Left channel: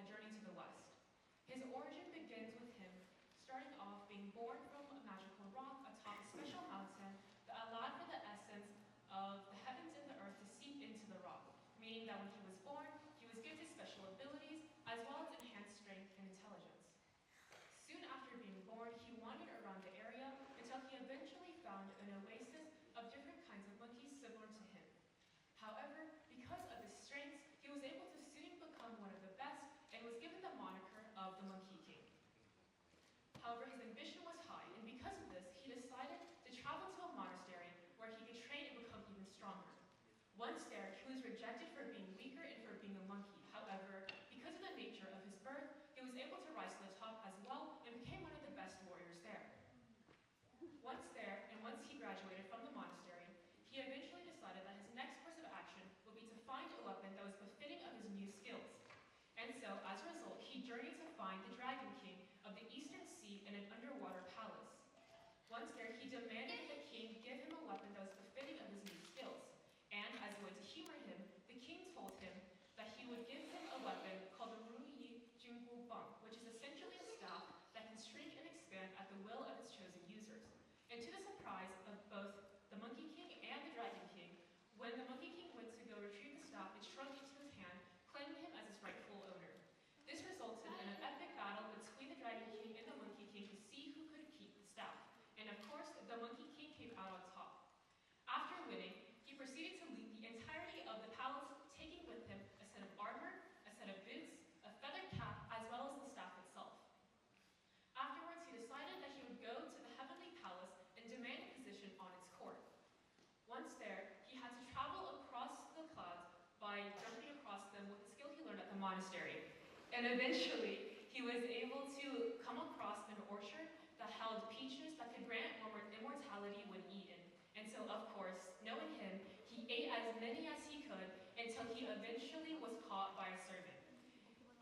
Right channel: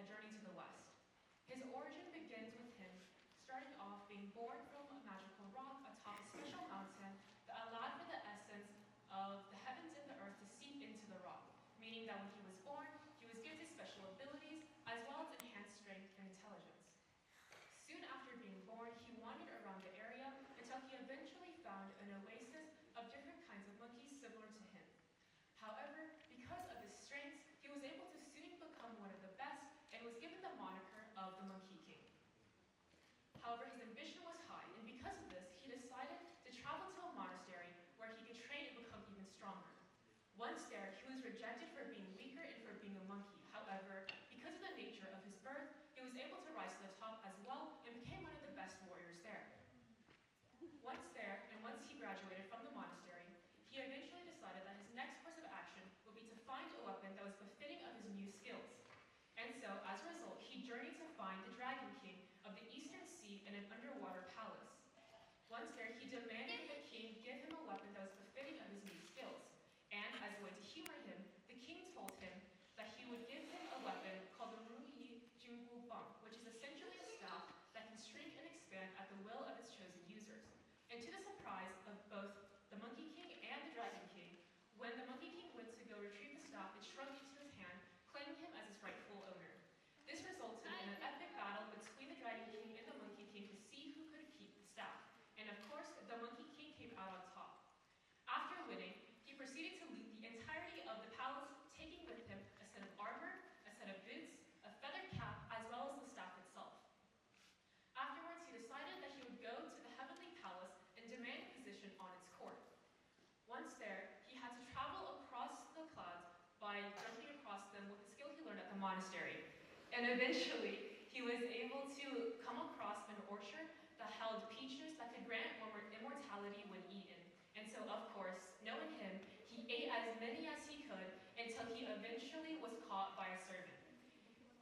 a journey to the west. His origin begins with him starting off being born from a magical rock atop a special mountain that allowed for the essence of the heavens and the earth to seep into the rock, meaning that when he was born, he was gifted special abilities as well as enhanced strength and intelligence. Soon after being born, he wandered around the area until he eventually found an oasis of different kinds of monkeys similar to him. However, because of his strengths, he was able to soon become one of the best and was given the moniker of the Monkey King. However, his ambition was high, and because of this, he decided to travel to a monastery where he could train and become even stronger. Once there, he was rejected for being weaker and for being a monkey. However, because of the nature of his birth, he was able to rise to the top as well and became one of the best warriors there. Once there, and once he graduated from the monastery, he eventually decided that his next course of action would be to find a weapon that was befitting of his new skills. And so, as a result, he journeyed to find the Dragon King of the Eastern Sea in an underwater palace. Once there, he demanded the king give him a weapon that was befitting of his new skills. And as a way to humor him, the king told him that he would give him a weapon called the Ru Yi Jingbu Bang, which is essentially a staff that can shrink and expand at the will of its chosen users. And to the surprise of both the Monkey King and the Dragon King, when the Monkey King went to go retrieve the staff, it shrunk into his hand, claiming him as its rightful owner. This resulted in an epic battle between the Dragon King and the Monkey King to see who could keep the staff. And of course, the Monkey King came out on top. After winning, he proceeded to loot the entirety of the palace, taking with him a set of armor, a set of boots, a feathered cap, as well as the staff itself. Afterwards, he decided that he would go to the Heavenly Palace and demand a position on its court. Once there, he had to travel across the clouds by jumping across them with the skill he learned at the monastery. And eventually, he was able to come across an orchard that held peaches that could grant immortality when eaten. And so, of course, knowing him, he ate as many as he could until he eventually was caught by a servant.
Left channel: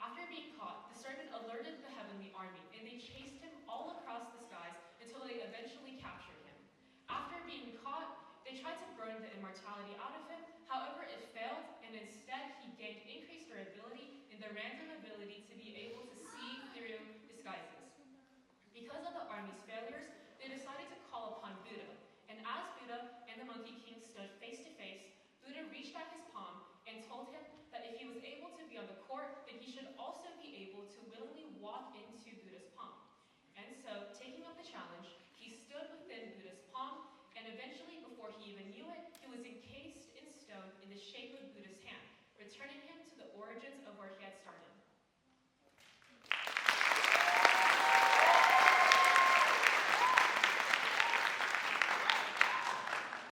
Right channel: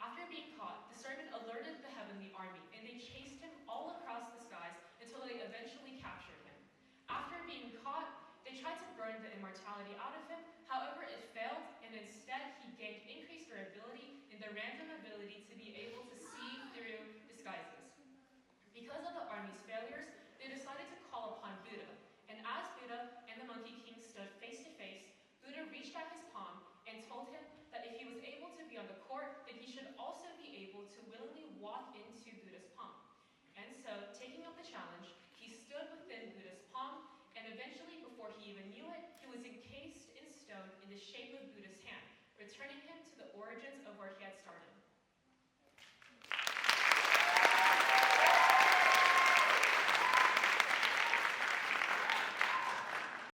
After being caught, the servant alerted the heavenly army, and they chased him all across the skies until they eventually captured him. After being caught, they tried to burn the immortality out of him. However, it failed, and instead he gained increased durability and the random ability to be able to see through disguises. Because of the army's failures, they decided to call upon Buddha. And as Buddha and the Monkey King stood face to face, Buddha reached out his palm and told him that if he was able to be on the court, then he should also be able to willingly walk into Buddha's palm. And so, taking up the challenge, he stood within Buddha's palm, and eventually, before he even knew it, he was encased in stone in the shape of Buddha's hand, returning him to the origins of where he had started.